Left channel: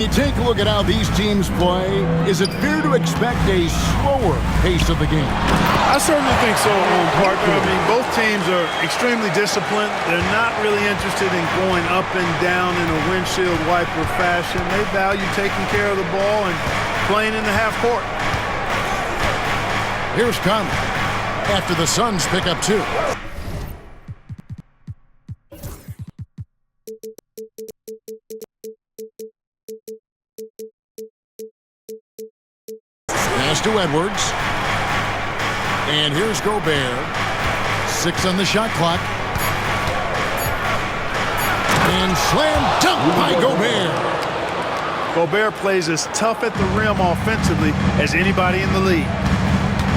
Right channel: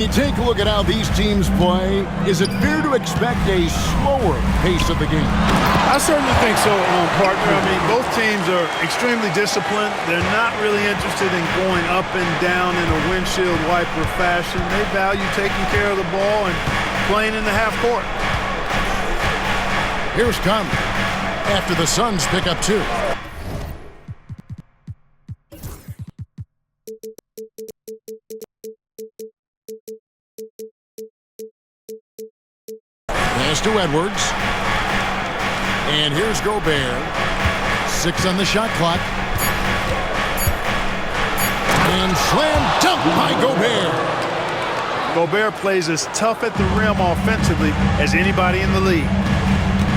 You take a look at how these teams play. Is it fair to expect a slower pace of the game? I certainly think so, partner. I mean, both teams are extremely disciplined. They're not really interested in going up and down in a windshield wiper fashion. They value taking care of the ball and playing in the half court. Here's Conley after the Suns pick up 2. Pass to Edwards. And here's Gobert. 6 on the shot clock. And slam dunk by Gobert. Gobert plays as tough at the rim offensively as anybody in the league.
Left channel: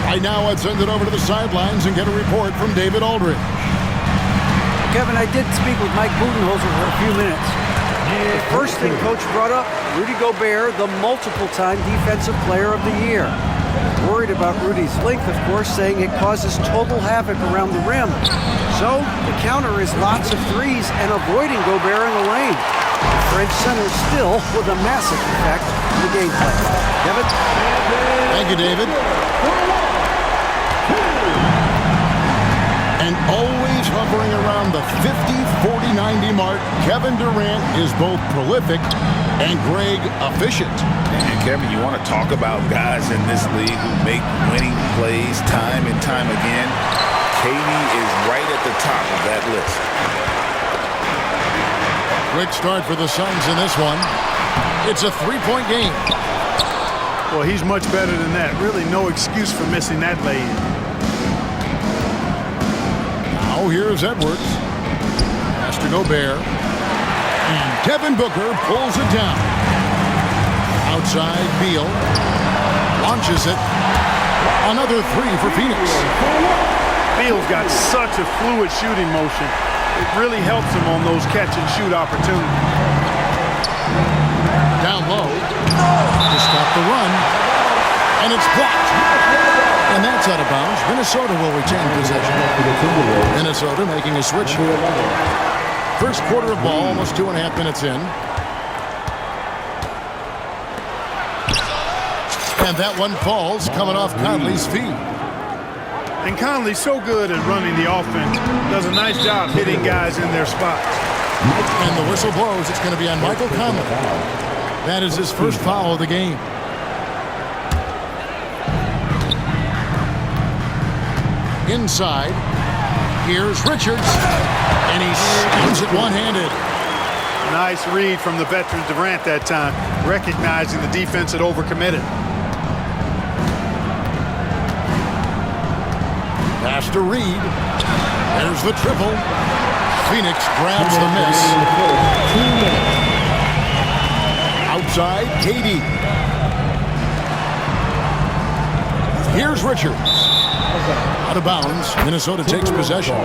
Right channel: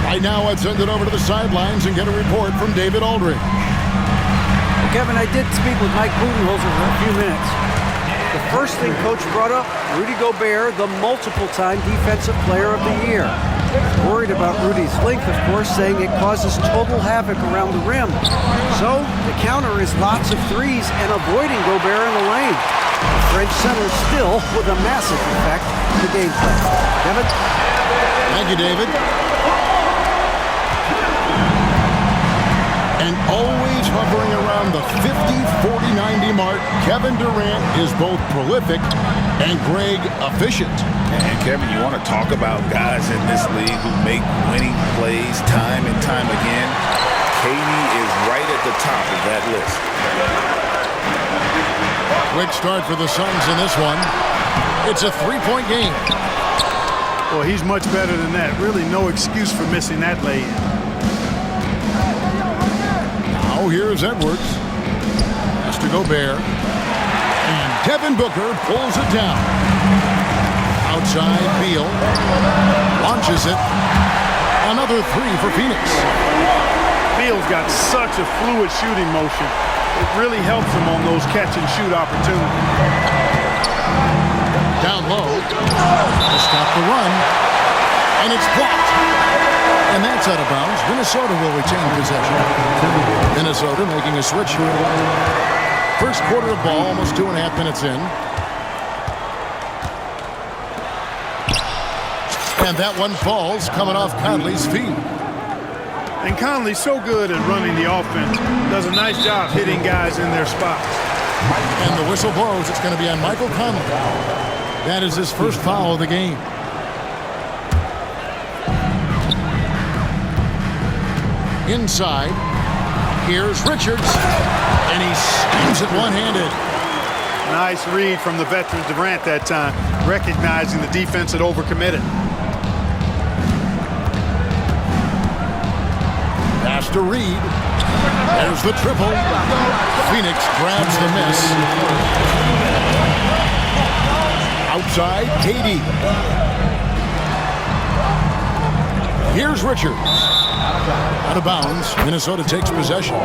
Right now, let's send it over to the sidelines and get a report from David Aldridge. Well, Kevin, I did speak with Mike Budenholzer for a few minutes. The first thing Coach brought up, Rudy Gobert, the multiple-time Defensive Player of the Year. Worried about Rudy's length, of course, saying it causes total havoc around the rim. So the counter is lots of threes and avoiding Gobert in the lane. The French center still with a massive effect on the game plan. Kevin? Thank you, David. And always hovering around the 50-40-90 mark, Kevin Durant is both prolific and Greg efficient. And Kevin, you want to talk about guys in this league who make winning plays time and time again. KD is right at the top of that list. Quick start for the Suns in this one. It's a 3-point game. Well, he's much better than that. Really no excuse for missing that lay-in. Now here's Edwards. Pass to Gobert. And Devin Booker pulls it down. Outside, Beal launches it. Another 3 for Phoenix. Beal's got such a fluid shooting motion. It really helps him on those catch-and-shoot opportunities. Down low to stop the run. And it's blocked. And that's out of bounds. Minnesota will retain possession. Minnesota making a switch here. First quarter of ball, almost 2.5 minutes in. And that one falls coming off Conley's feet. And Conley's so good at running the offense. Does a nice job hitting guys in their spots. And the whistle blows. It's going to be on Michael Conley. That is his first foul of the game. Inside. Here's Richards. And he slams it one-handed. Nice read from the veteran Durant that time, recognizing the defense had overcommitted. Pass to Reed. There's the triple. Phoenix grabs the miss. Outside, KD. Here's Richards. Out of bounds. Minnesota takes possession.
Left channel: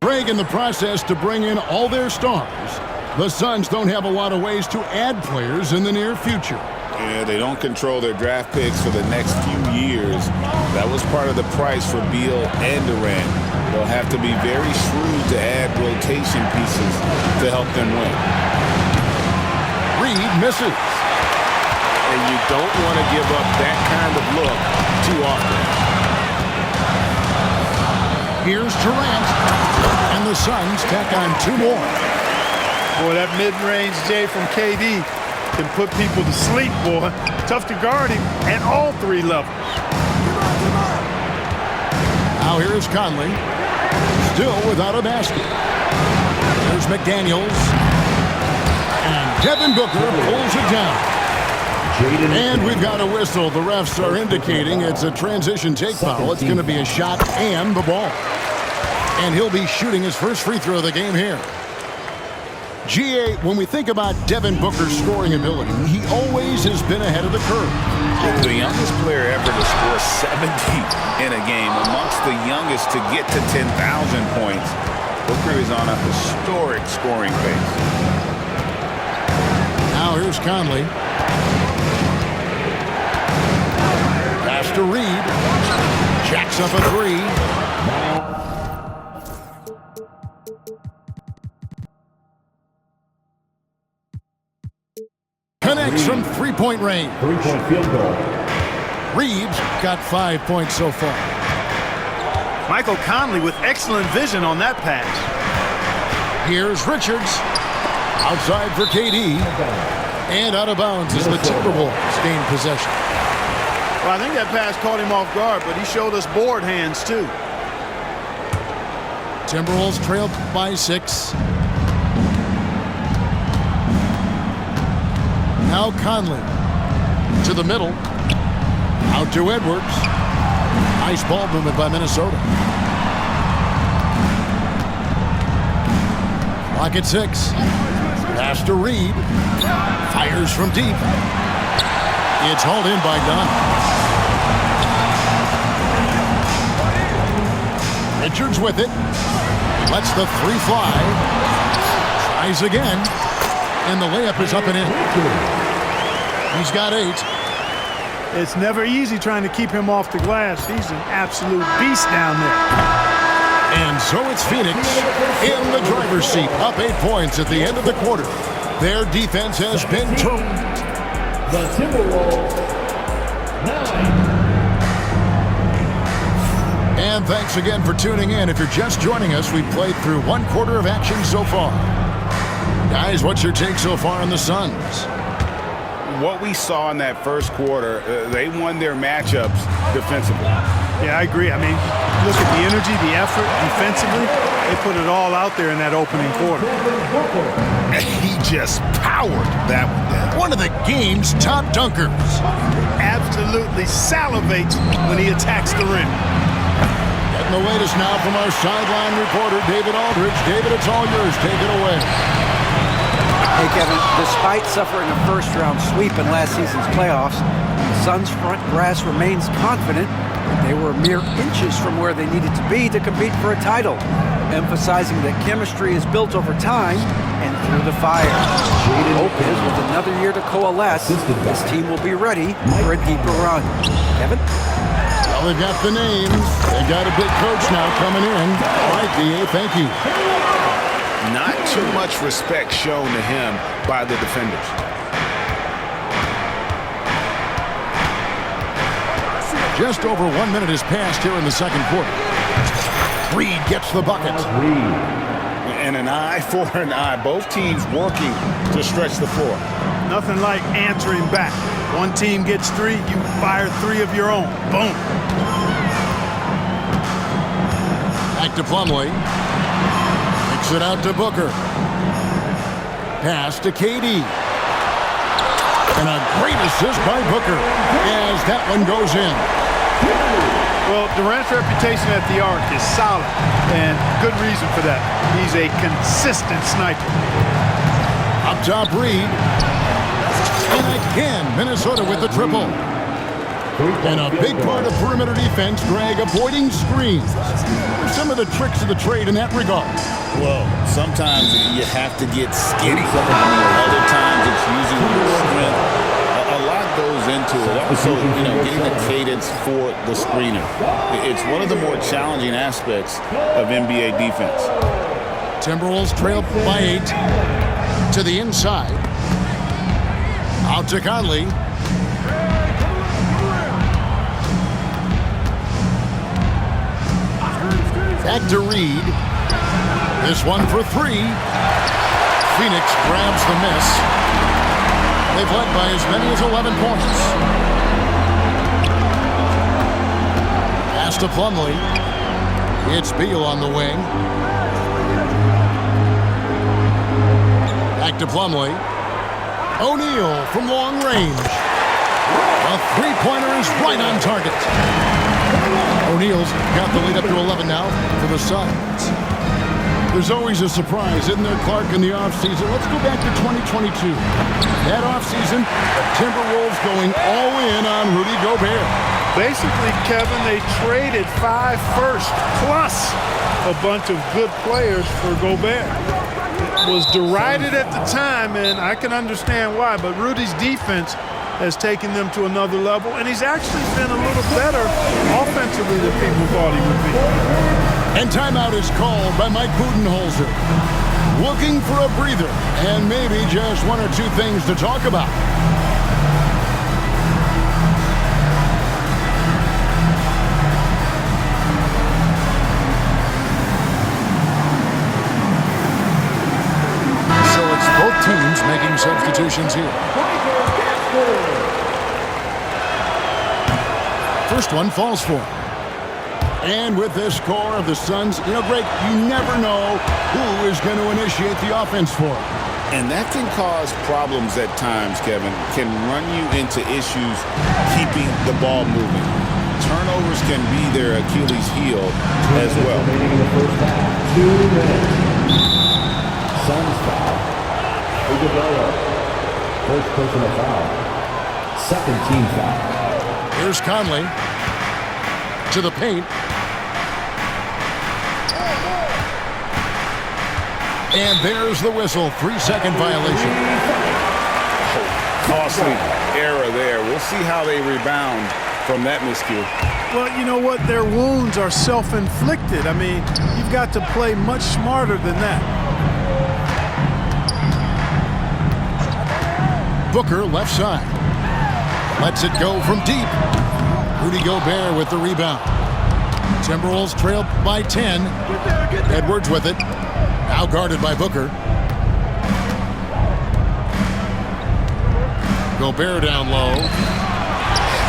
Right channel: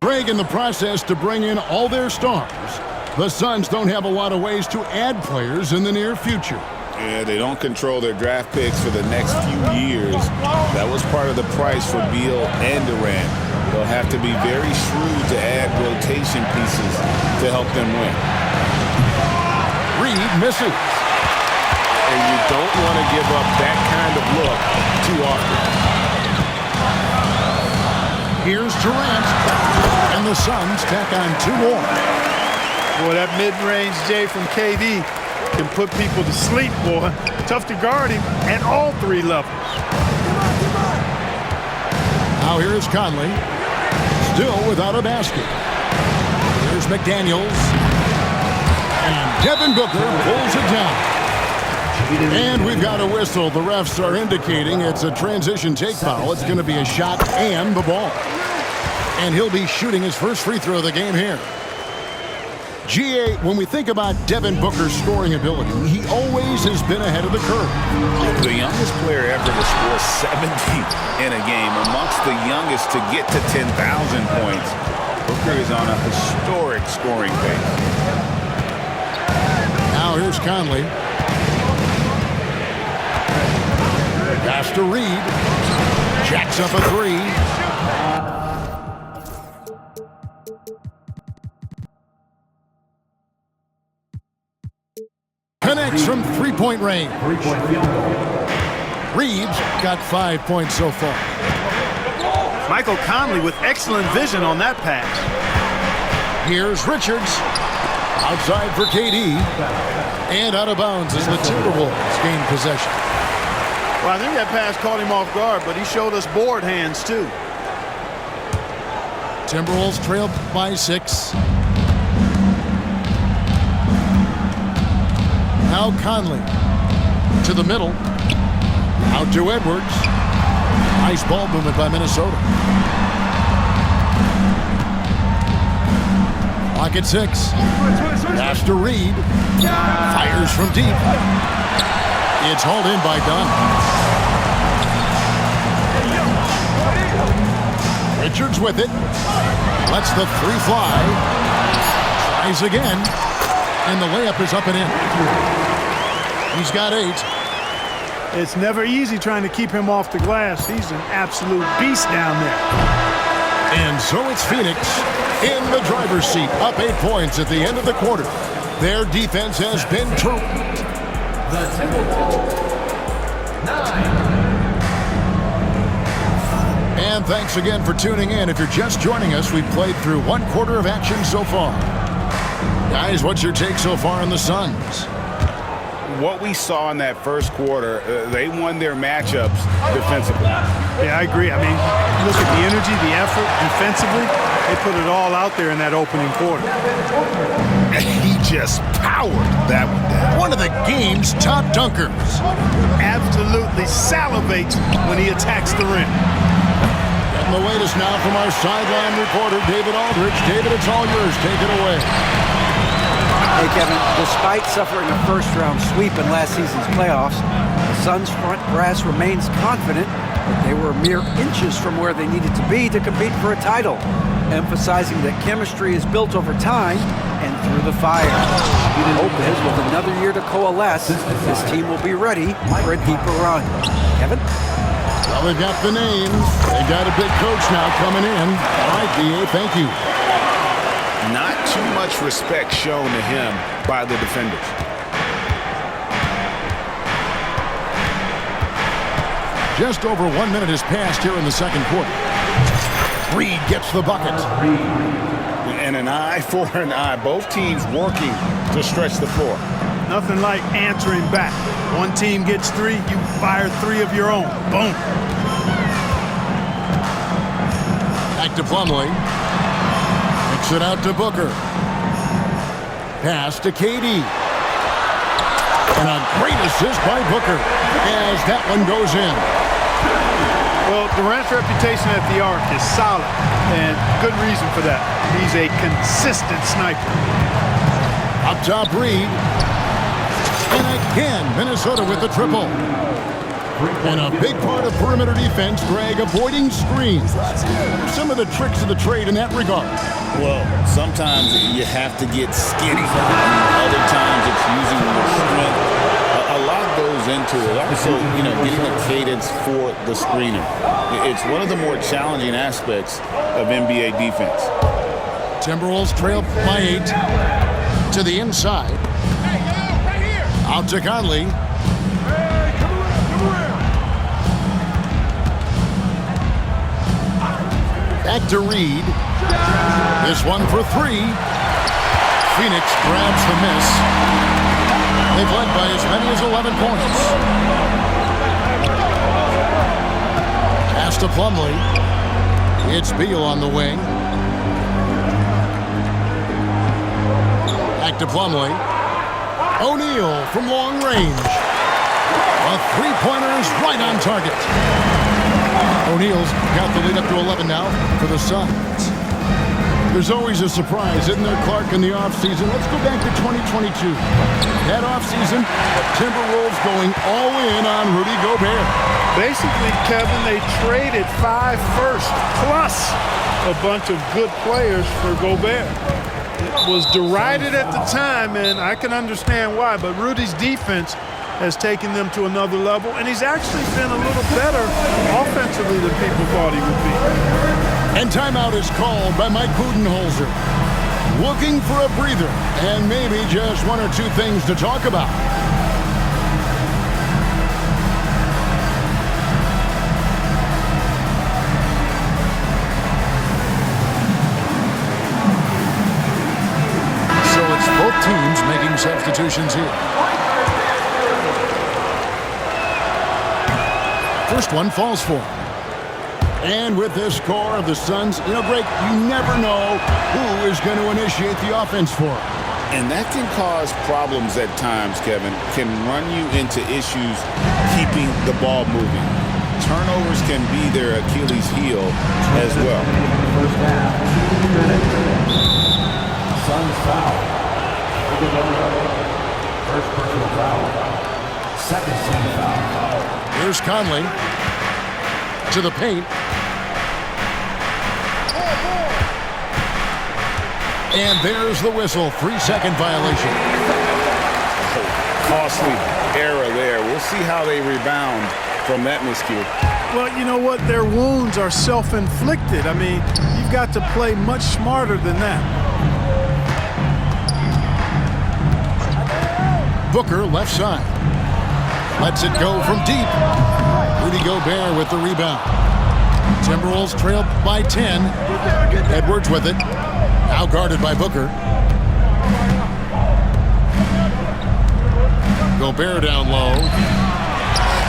Greg in the process to bring in all their stars. The Suns don't have a lot of ways to add players in the near future. Yeah, they don't control their draft picks for the next few years. That was part of the price for Beal and Durant. They'll have to be very shrewd to add rotation pieces to help them win. Reed misses. And you don't want to give up that kind of look too often. Here's Durant. And the Suns tack on 2 more. Boy, that mid-range J from KD can put people to sleep, boy. Tough to guard him at all 3 levels. Now here's Conley. Still without a basket. There's McDaniels. And Devin Booker pulls it down. And we've got a whistle. The refs are indicating it's a transition take foul. It's going to be a shot and the ball. And he'll be shooting his first free throw of the game here. GA, when we think about Devin Booker's scoring ability, he always has been ahead of the curve. The youngest player ever to score 70 in a game, amongst the youngest to get to 10,000 points. Booker is on a historic scoring pace. Now here's Conley. Pass to Reed. Jacks up a 3. connects from three-point range. Three-point field goal. Reeves got 5 points so far. Michael Conley with excellent vision on that pass. Here's Richards. Outside for KD. And out of bounds as the Timberwolves gain possession. Well, I think that pass caught him off guard, but he showed us board hands too. Timberwolves trail by 6. Now Conley to the middle. Out to Edwards. Nice ball movement by Minnesota. Clock at 6. Pass to Reed. Fires from deep. It's hauled in by Dunn. Richards with it. Lets the 3 fly. Tries again. And the layup is up and in. He's got 8. It's never easy trying to keep him off the glass. He's an absolute beast down there. And so it's Phoenix in the driver's seat, up 8 points at the end of the quarter. Their defense has been terrific. The Timberwolves, 9. And thanks again for tuning in. If you're just joining us, we've played through 1 quarter of action so far. Guys, what's your take so far on the Suns? What we saw in that first quarter, they won their matchups defensively. Yeah, I agree. I mean, look at the energy, the effort defensively. They put it all out there in that opening quarter. He just powered that one down. One of the game's top dunkers. Absolutely salivates when he attacks the rim. Getting the latest now from our sideline reporter, David Aldridge. David, it's all yours. Take it away. Hey, Kevin, despite suffering a first-round sweep in last season's playoffs, the Suns' front brass remains confident that they were mere inches from where they needed to be to compete for a title, emphasizing that chemistry is built over time and through the fire. Hope is, with another year to coalesce, this team will be ready for a deeper run. Kevin? Well, they've got the names. They got a big coach now coming in. All right, D.A., thank you. Not too much respect shown to him by the defenders. Just over 1 minute has passed here in the second quarter. Reed gets the bucket. And an eye for an eye. Both teams working to stretch the floor. Nothing like answering back. One team gets 3, you fire 3 of your own. Boom. Back to Plumlee. Kicks it out to Booker. Pass to KD. And a great assist by Booker as that one goes in. Well, Durant's reputation at the arc is solid, and good reason for that. He's a consistent sniper. Up top, Reed. And again, Minnesota with the triple. And a big part of perimeter defense, Greg, avoiding screens. What are some of the tricks of the trade in that regard? Well, sometimes you have to get skinny. Other times it's using your strength. A lot goes into it. Also, getting a cadence for the screener. It's one of the more challenging aspects of NBA defense. Timberwolves trail by 8 to the inside. Out to Conley. Back to Reed. This one for 3. Phoenix grabs the miss. They've led by as many as 11 points. Pass to Plumlee. It's Beal on the wing. Back to Plumlee. O'Neal from long range. A 3-pointer is right on target. O'Neal's got the lead up to 11 now for the Suns. There's always a surprise, isn't there, Clark, in the offseason? Let's go back to 2022. That offseason, the Timberwolves going all in on Rudy Gobert. Basically, Kevin, they traded 5 firsts plus a bunch of good players for Gobert. It was derided at the time, and I can understand why, but Rudy's defense has taken them to another level, and he's actually been a little better offensively than people thought he would be. And timeout is called by Mike Budenholzer. looking for a breather and maybe just one or two things to talk about. So it's both teams making substitutions here. First one falls for him. And with this core of the Suns, Greg, you never know who is going to initiate the offense for them. And that can cause problems at times, Kevin. Can run you into issues keeping the ball moving. Turnovers can be their Achilles heel as well. In the first half, 2 minutes. Suns foul. Iguodala. First personal foul. Second team foul. Here's Conley to the paint. And there's the whistle. 3-second violation. Oh, costly error there. We'll see how they rebound from that miscue. Well, you know what? Their wounds are self-inflicted. I mean, you've got to play much smarter than that. Booker left side. Lets it go from deep. Rudy Gobert with the rebound. Timberwolves trail by 10. Edwards with it. Now guarded by Booker. Gobert down low.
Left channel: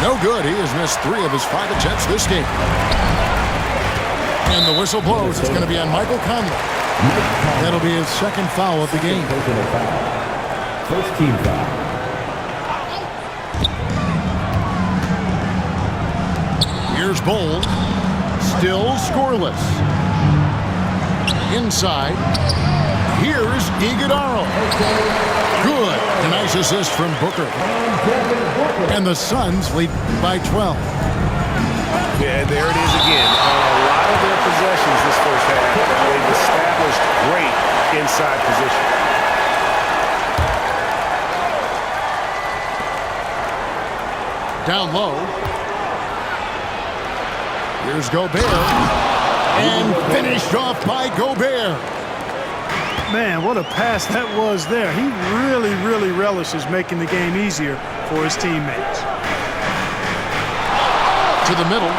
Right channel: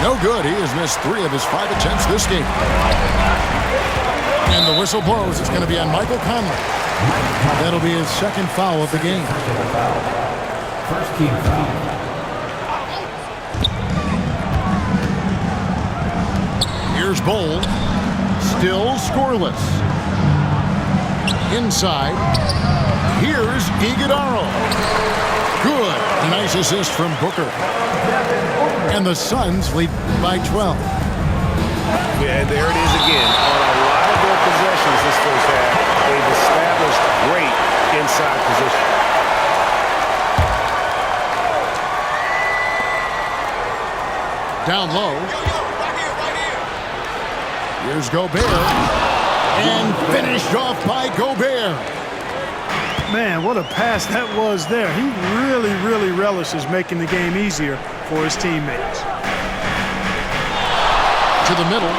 No good. He has missed 3 of his 5 attempts this game. And the whistle blows. It's going to be on Michael Conley. That'll be his second foul of the game. Personal foul. First team foul. Here's Bol. Still scoreless. Inside. Here's Iguodala. Good. A nice assist from Booker. And the Suns lead by 12. Yeah, there it is again. On a lot of their possessions this first half, they've established great inside position. Down low. Here's Gobert. And finished off by Gobert. Man, what a pass that was there. He really relishes making the game easier for his teammates. To the middle.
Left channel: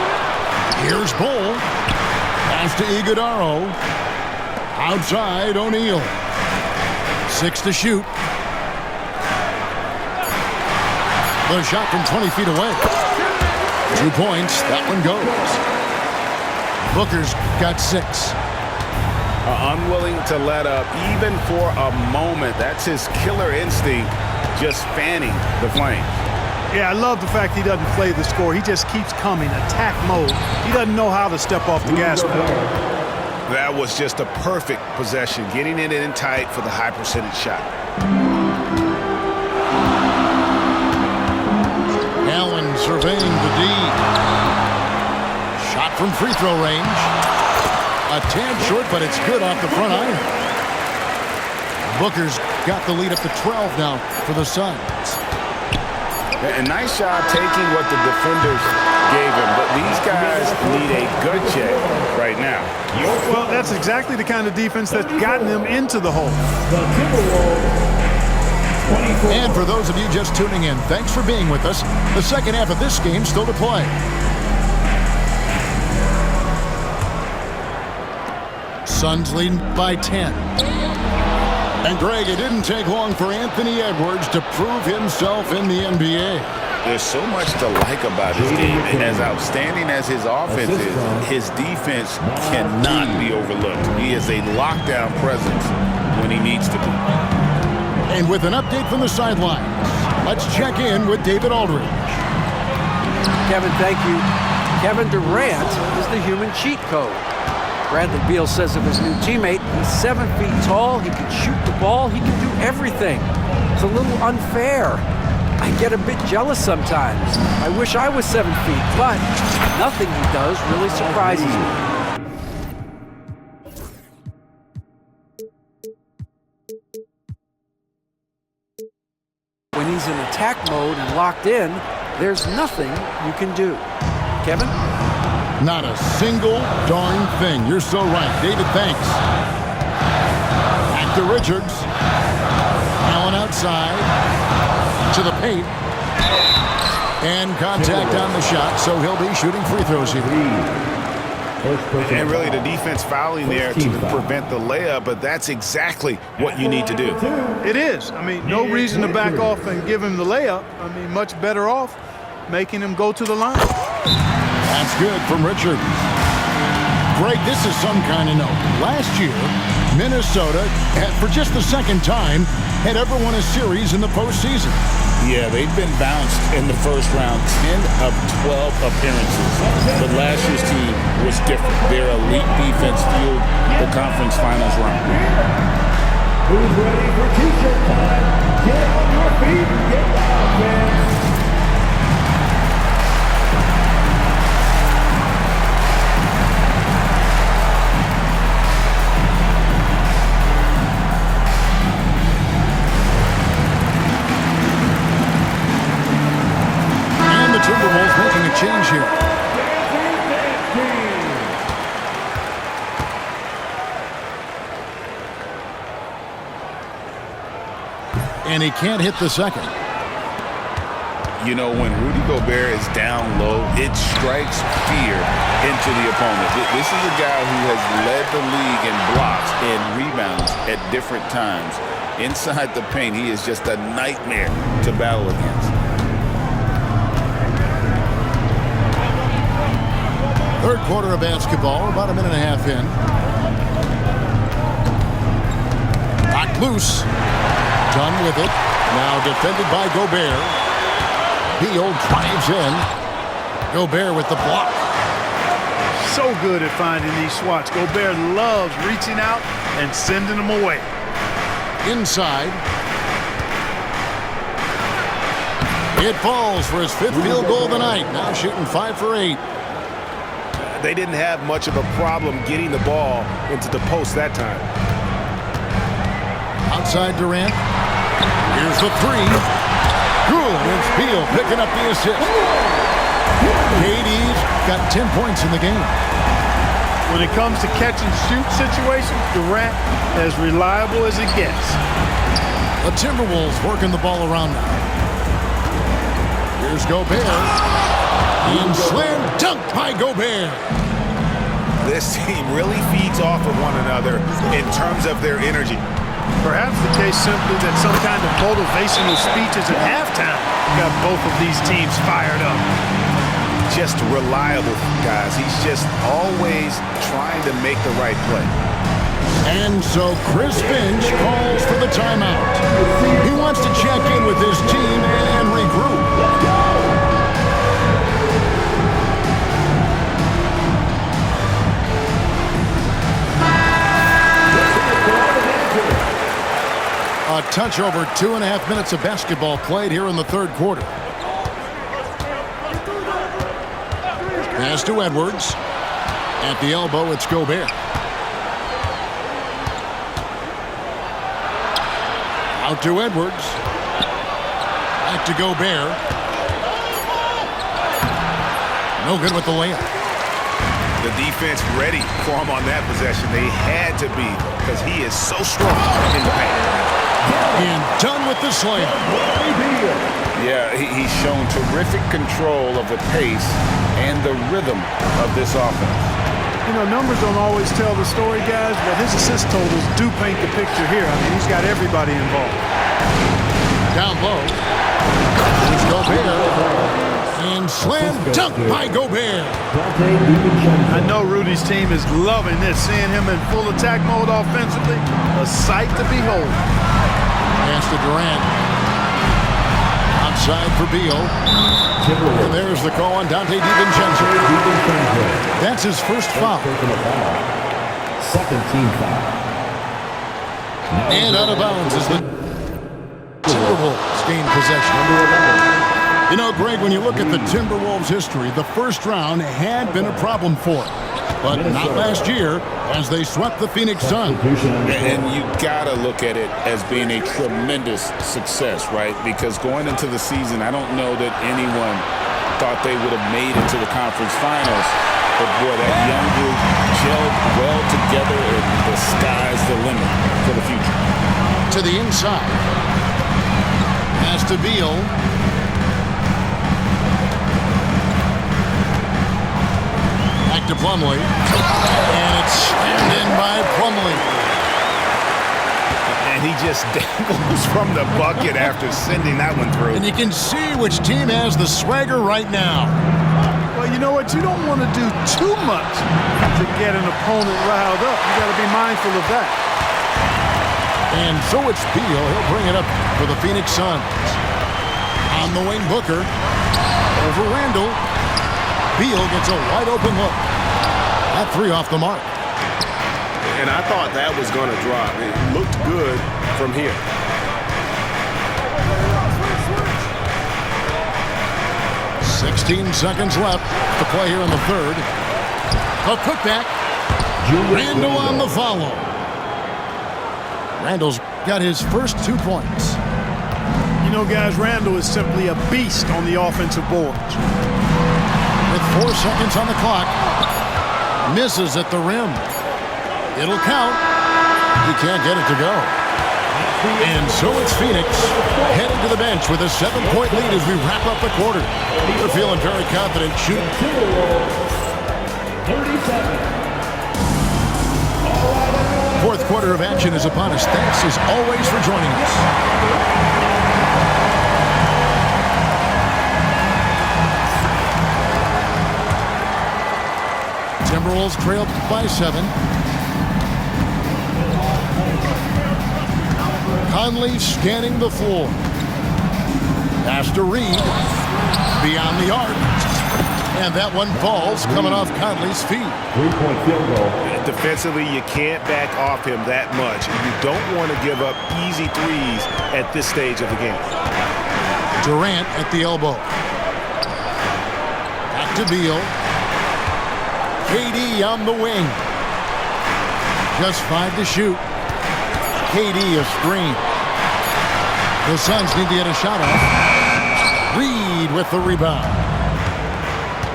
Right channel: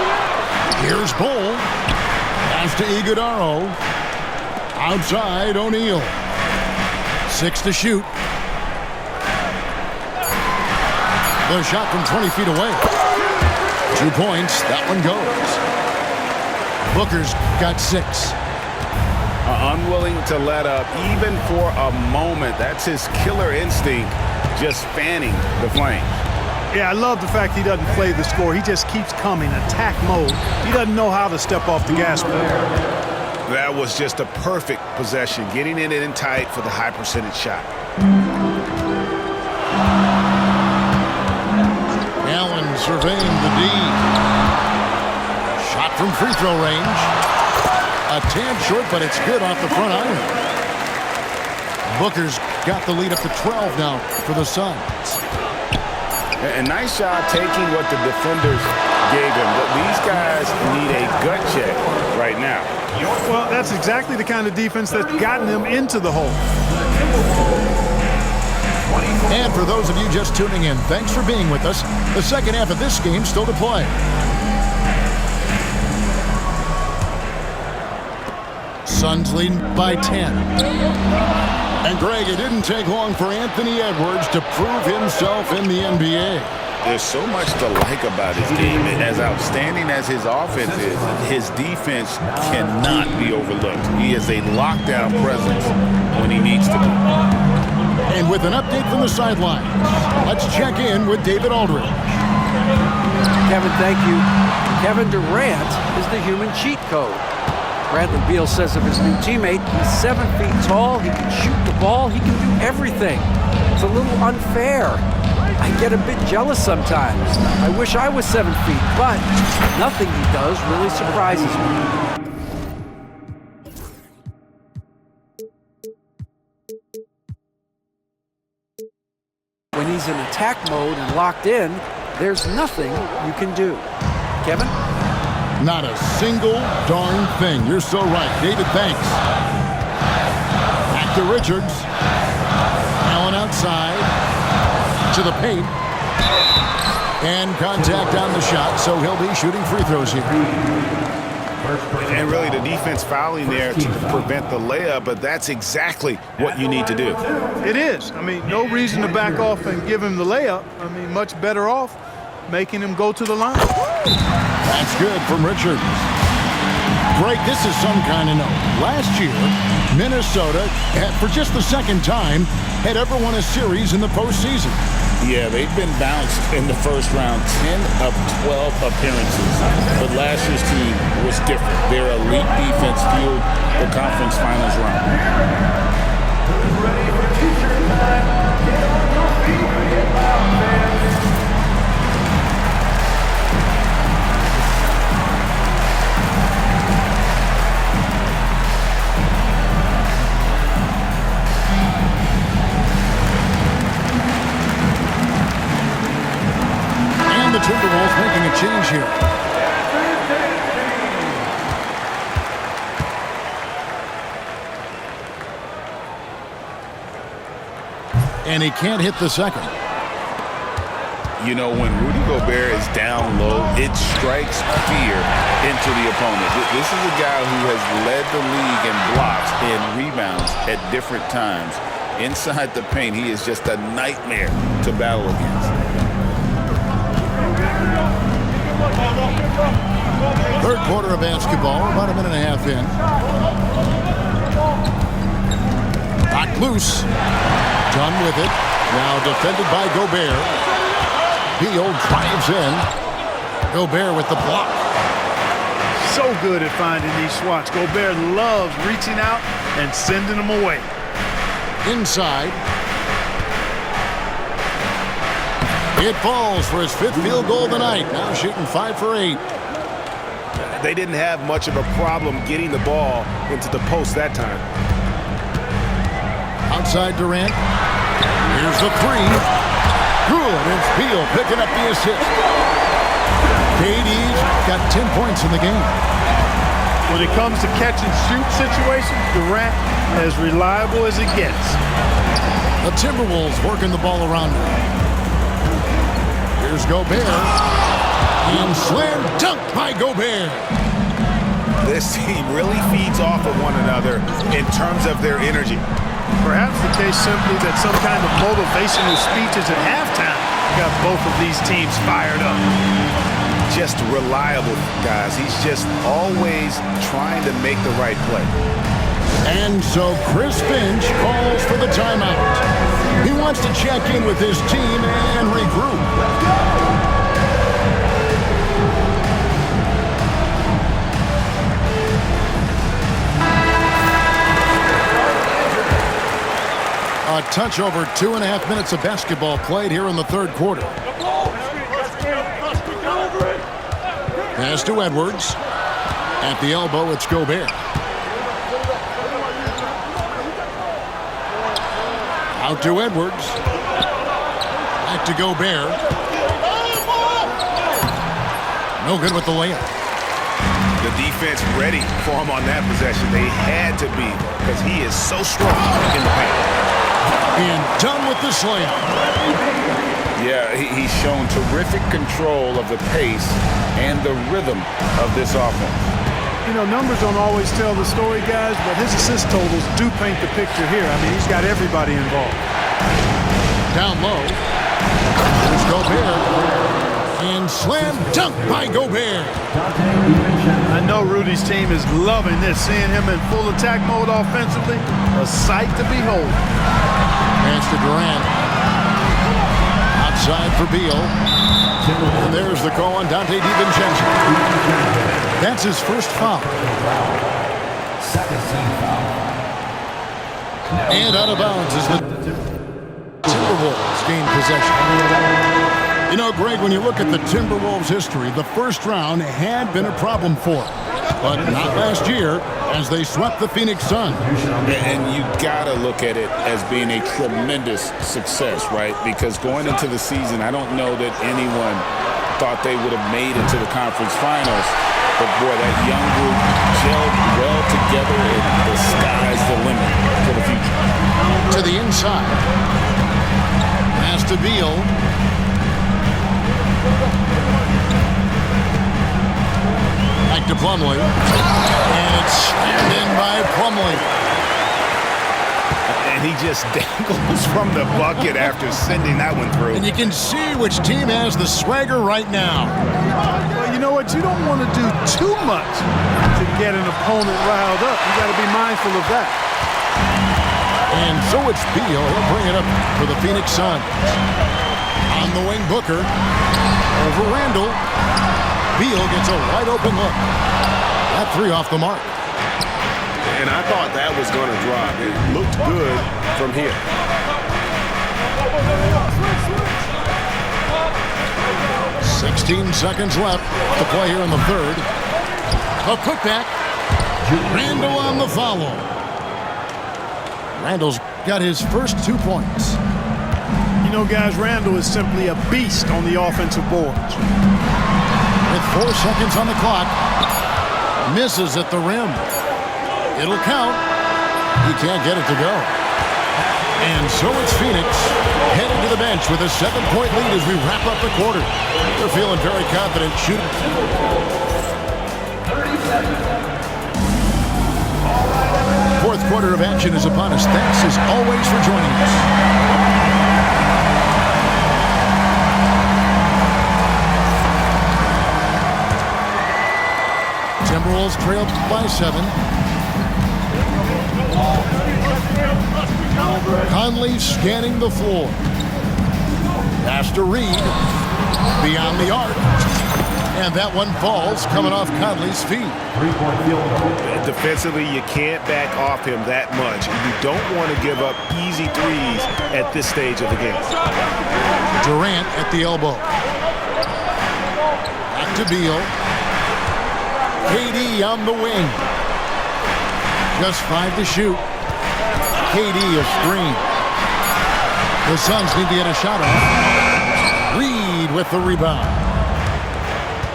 Here's Bol. Pass to Iguodala. Outside, O'Neal. 6 to shoot. The shot from 20 feet away. 2 points. That one goes. Booker's got 6. Unwilling to let up even for a moment. That's his killer instinct, just fanning the flames. Yeah, I love the fact he doesn't play the score. He just keeps coming, attack mode. He doesn't know how to step off the gas pedal. That was just a perfect possession, getting it in tight for the high percentage shot. Allen surveying the D. Shot from free throw range. A tad short, but it's good off the front iron. Booker's got the lead up to 12 now for the Suns. A nice job taking what the defenders gave him. These guys need a gut check right now. Well, that's exactly the kind of defense that's gotten them into the hole. And for those of you just tuning in, thanks for being with us. The second half of this game still to play. Suns leading by 10. And Greg, it didn't take long for Anthony Edwards to prove himself in the NBA. There's so much to like about his game. As outstanding as his offense is, his defense cannot be overlooked. He is a lockdown presence when he needs to be. And with an update from the sidelines, let's check in with David Aldridge. Kevin, thank you. Kevin Durant is the human cheat code. Bradley Beal says of his new teammate, he's 7 feet tall, he can shoot the ball, he can do everything. It's a little unfair. I get a bit jealous sometimes. I wish I was 7 feet, but nothing he does really surprises me. When he's in attack mode and locked in, there's nothing you can do. Kevin? Not a single darn thing. You're so right. David, thanks. Back to Richards. Allen outside to the paint. And contact on the shot, so he'll be shooting free throws here. And really the defense fouling there to prevent the layup, but that's exactly what you need to do. It is. I mean, no reason to back off and give him the layup. I mean, much better off making him go to the line. That's good from Richards. Greg, this is some kind of note. Last year, Minnesota, for just the second time, had ever won a series in the postseason. Yeah, they've been bounced in the first round, 10 of 12 appearances. But last year's team was different. Their elite defense fueled the conference finals round. Who's ready for t-shirt time? Get on your feet and get loud, fans. The Timberwolves making a change here. And he can't hit the second. You know, when Rudy Gobert is down low, it strikes fear into the opponent. This is a guy who has led the league in blocks and rebounds at different times. Inside the paint, he is just a nightmare to battle against. Third quarter of basketball, about a minute and a half in. Knocked loose. Done with it. Now defended by Gobert. Beal drives in. Gobert with the block. So good at finding these swats. Gobert loves reaching out and sending them away. Inside. It falls for his fifth field goal of the night. Now shooting 5 for 8. They didn't have much of a problem getting the ball into the post that time. Outside Durant. Here's the three. Good. It's Beal picking up the assist. KD's got 10 points in the game. When it comes to catch and shoot situations, Durant as reliable as it gets. The Timberwolves working the ball around now. Here's Gobert. And slam dunk by Gobert. This team really feeds off of one another in terms of their energy. Perhaps the case simply that some kind of motivational speeches at halftime got both of these teams fired up. Just reliable, guys. He's just always trying to make the right play. And so Chris Finch calls for the timeout. He wants to check in with his team and regroup. A touch over 2.5 minutes of basketball played here in the third quarter. Pass to Edwards. At the elbow, it's Gobert. Out to Edwards. Back to Gobert. No good with the layup. The defense ready for him on that possession. They had to be because he is so strong in the paint. And done with the slam. Yeah, he's shown terrific control of the pace and the rhythm of this offense. You know, numbers don't always tell the story, guys, but his assist totals do paint the picture here. I mean, he's got everybody involved. Down low. Here's Gobert. And slam dunk by Gobert. I know Rudy's team is loving this, seeing him in full attack mode offensively. A sight to behold. Pass to Durant. Outside for Beal. And there's the call on Dante DiVincenzo. That's his first foul. Second team foul. And out of bounds as the Timberwolves gain possession. You know, Greg, when you look at the Timberwolves' history, the first round had been a problem for them. But not last year, as they swept the Phoenix Suns. And you gotta look at it as being a tremendous success, right? Because going into the season, I don't know that anyone thought they would have made it to the conference finals. But, boy, that young group gelled well together, and the sky's the limit for the future. To the inside. Pass to Beal. Back to Plumlee. And it's slammed in by Plumlee. And he just dangles from the bucket after sending that one through. And you can see which team has the swagger right now. Well, you know what? You don't want to do too much to get an opponent riled up. You got to be mindful of that. And so it's Beal. He'll bring it up for the Phoenix Suns. On the wing, Booker. Over Randall. Beal gets a wide open look. That three off the mark. And I thought that was going to drop. It looked good from here. "16 seconds left to play here in the third. A putback. Randall on the follow. Randall's got his first 2 points. You know, guys, Randall is simply a beast on the offensive boards. With 4 seconds on the clock. Misses at the rim. It'll count. He can't get it to go. And so it's Phoenix heading to the bench with a 7-point lead as we wrap up the quarter. They're feeling very confident shooting. Fourth quarter of action is upon us. Thanks as always for joining us. Timberwolves trailed by 7. Conley scanning the floor. Pass to Reed. Beyond the arc. And that one falls coming off Conley's feet. 3-point field goal. Defensively, you can't back off him that much. You don't want to give up easy threes at this stage of the game. Durant at the elbow. Back to Beal. KD on the wing. Just 5 to shoot. KD a screen. The Suns need to get a shot off. Reed with the rebound.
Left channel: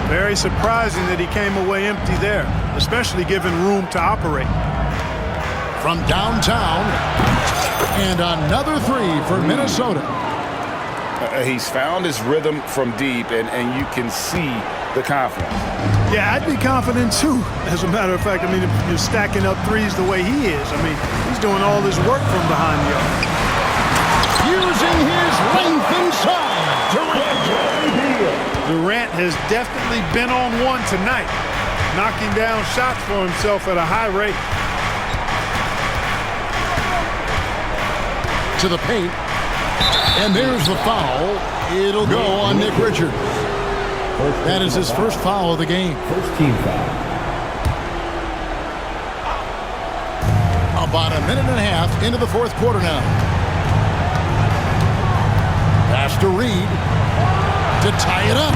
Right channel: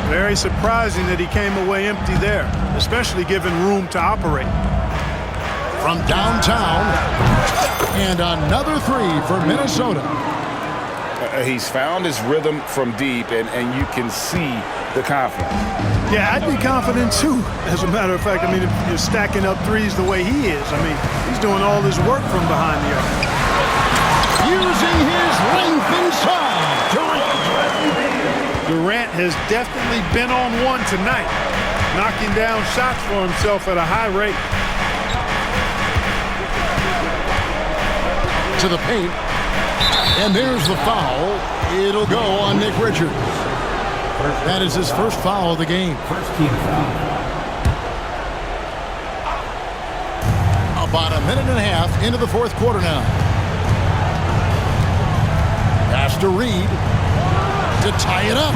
Very surprising that he came away empty there, especially given room to operate. From downtown. And another three for Minnesota. He's found his rhythm from deep, and you can see the confidence. Yeah, I'd be confident too, as a matter of fact. I mean, if you're stacking up threes the way he is, I mean, he's doing all his work from behind the arc. Using his length inside. Durant has definitely been on one tonight, knocking down shots for himself at a high rate. To the paint. And there's the foul. It'll go on Nick Richards. That is his first foul of the game. First team foul. About a minute and a half into the fourth quarter now. Pass to Reed to tie it up.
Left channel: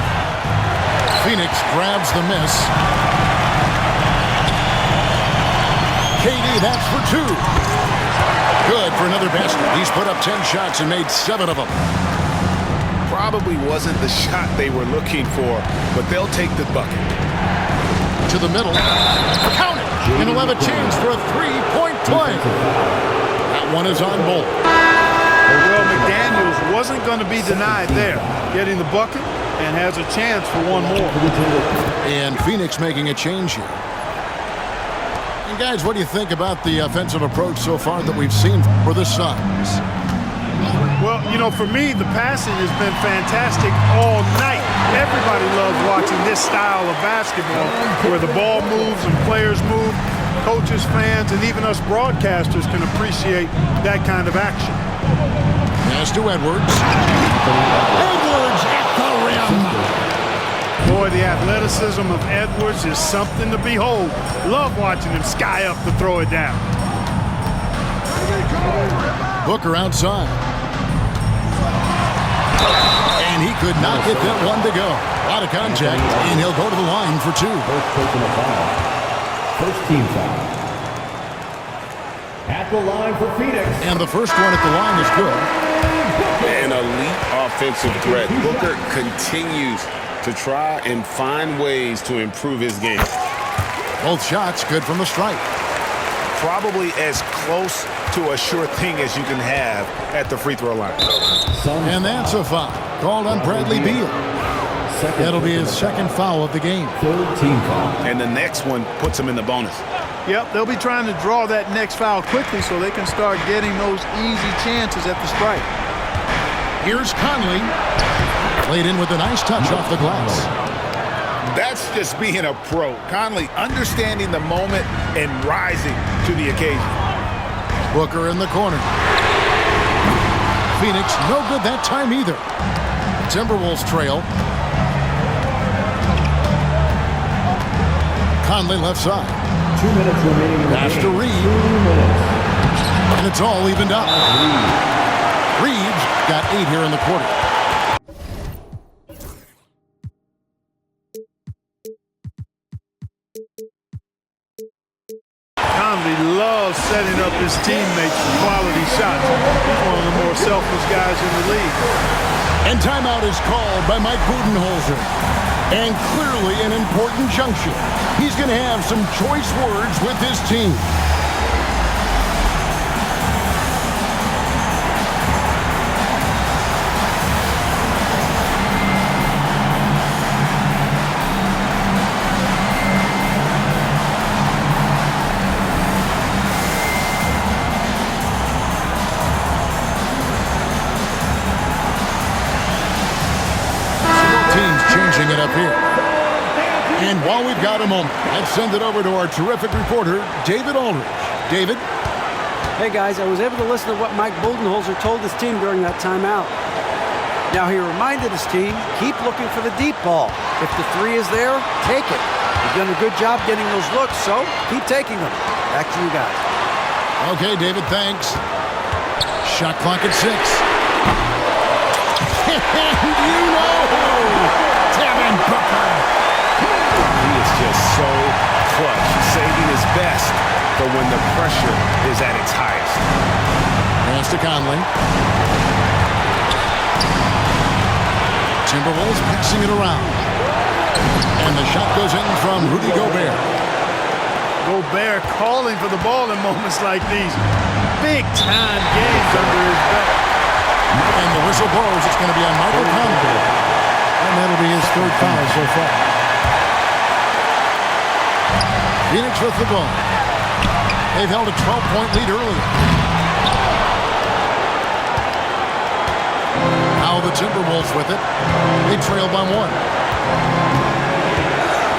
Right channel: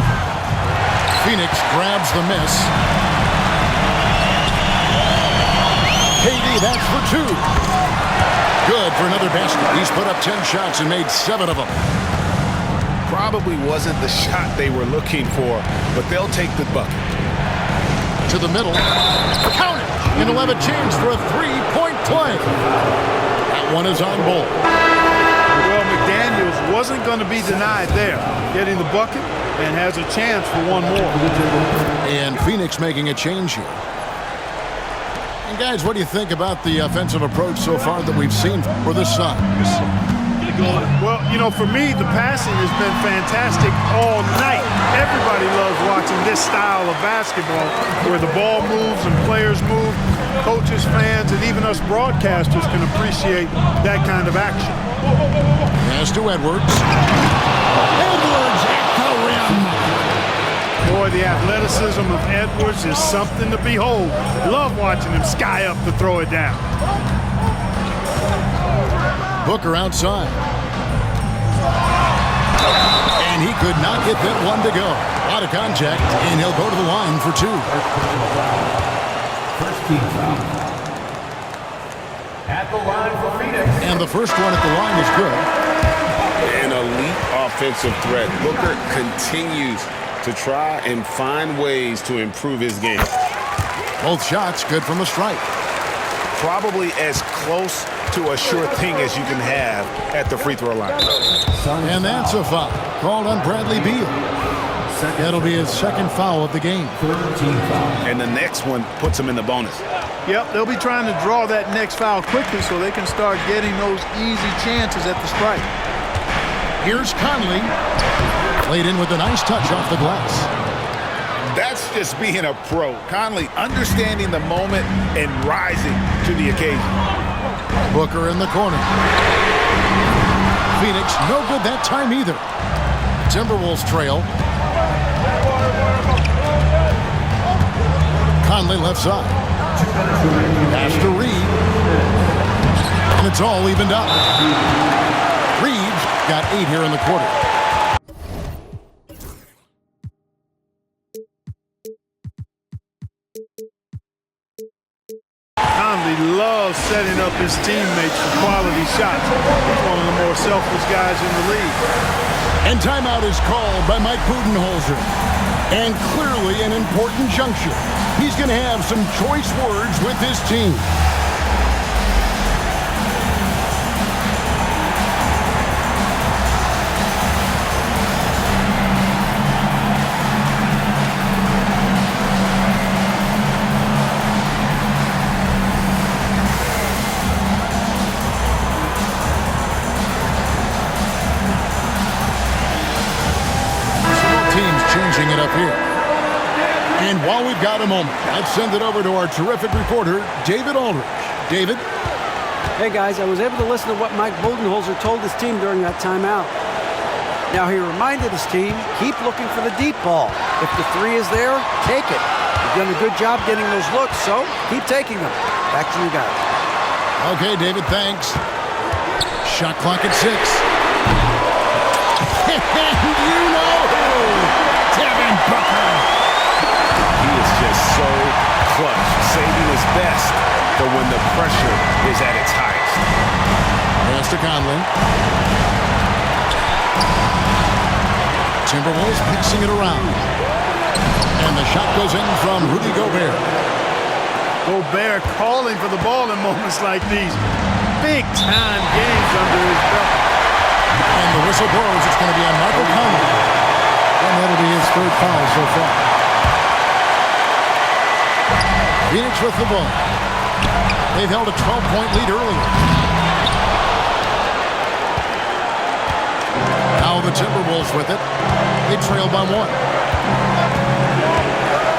Phoenix grabs the miss. KD, that's for 2. Good for another basket. He's put up 10 shots and made 7 of them. Probably wasn't the shot they were looking for, but they'll take the bucket. To the middle. Count it! And he'll have a chance for a 3-point play. That one is on Bull. Well, McDaniels wasn't going to be denied there, getting the bucket, and has a chance for one more. And Phoenix making a change here. And guys, what do you think about the offensive approach so far that we've seen for the Suns? Well, you know, for me, the passing has been fantastic all night. Everybody loves watching this style of basketball where the ball moves and players move. Coaches, fans, and even us broadcasters can appreciate that kind of action. Pass to Edwards. Edwards at the rim. Boy, the athleticism of Edwards is something to behold. Love watching him sky up to throw it down. Booker outside. And he could not get that one to go. A lot of contact, and he'll go to the line for 2. First personal foul. First team foul. At the line for Phoenix. And the first one at the line is good. An elite offensive threat. Booker continues to try and find ways to improve his game. Both shots good from the stripe. Probably as close to a sure thing as you can have at the free throw line. And that's a foul called on Bradley Beal. That'll be his second foul of the game. Third team foul. And the next one puts him in the bonus. Yep, they'll be trying to draw that next foul quickly so they can start getting those easy chances at the stripe. Here's Conley. Played in with a nice touch off the glass. That's just being a pro. Conley understanding the moment and rising to the occasion. Booker in the corner. Phoenix no good that time either. The Timberwolves trail. Conley left side. 2 minutes remaining. Pass to Reed. And it's all evened up. Reed's got 8 here in the quarter. Conley loves setting up his teammates for quality shots. He's one of the more selfless guys in the league. And timeout is called by Mike Budenholzer. And clearly an important juncture. He's going to have some choice words with his team. Teams changing it up here. And while we've got a moment, I'd send it over to our terrific reporter, David Aldridge. David? Hey guys, I was able to listen to what Mike Budenholzer told his team during that timeout. Now he reminded his team, keep looking for the deep ball. If the three is there, take it. You've done a good job getting those looks, so keep taking them. Back to you guys. Okay, David, thanks. Shot clock at 6. And you know who? Devin Booker. He is just so clutch, saving his best for when the pressure is at its highest. Pass to Conley. Timberwolves passing it around. And the shot goes in from Rudy Gobert. Gobert calling for the ball in moments like these. Big-time games under his belt. And the whistle blows. It's going to be on Michael Conley. And that'll be his third foul so far. Phoenix with the ball. They've held a 12-point lead earlier. Now the Timberwolves with it. They trail by 1.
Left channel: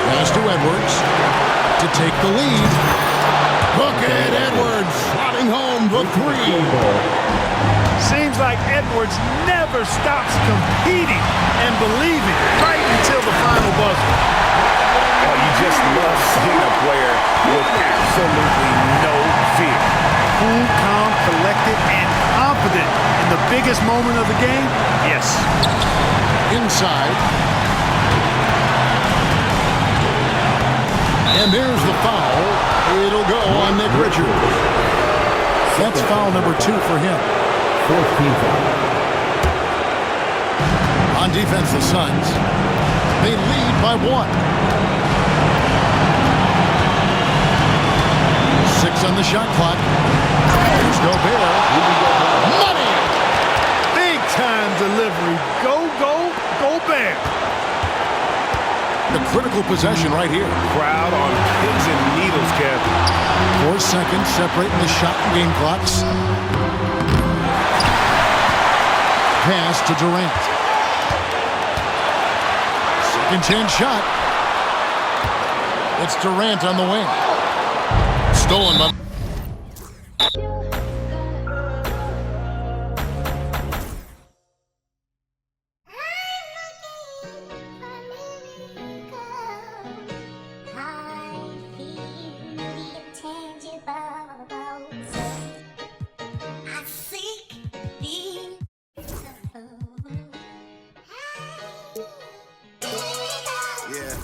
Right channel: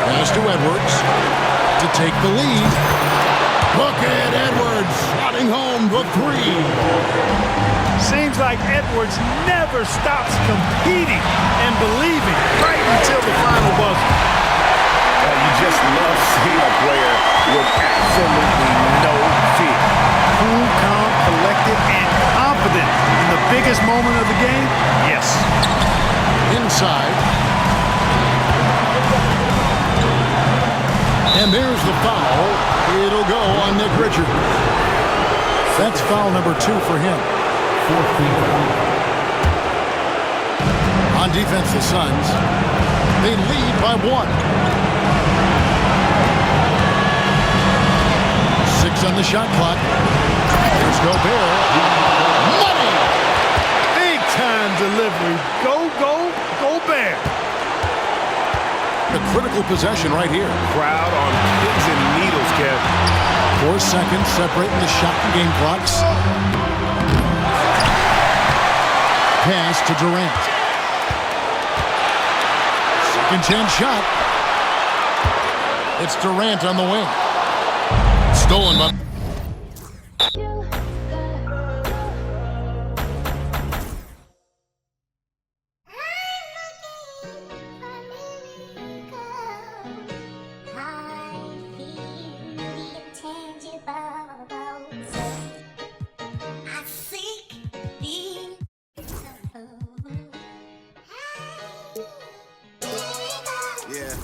Pass to Edwards to take the lead. Look at Edwards slotting home the 3. Seems like Edwards never stops competing and believing right until the final buzzer. Well, you just love seeing a player with absolutely no fear. Cool, calm, collected, and confident in the biggest moment of the game? Yes. Inside. And there's the foul. It'll go on Nick Richards. That's foul number 2 for him. Fourth team foul. On defense, the Suns. They lead by 1. 6 on the shot clock. Here's Gobert. Money! Big-time delivery. Go, go, Gobert. The critical possession right here. Crowd on pins and needles, Kev. 4 seconds separating the shot and game clocks. Pass to Durant. Second chance shot. It's Durant on the wing. Stolen by... Yeah.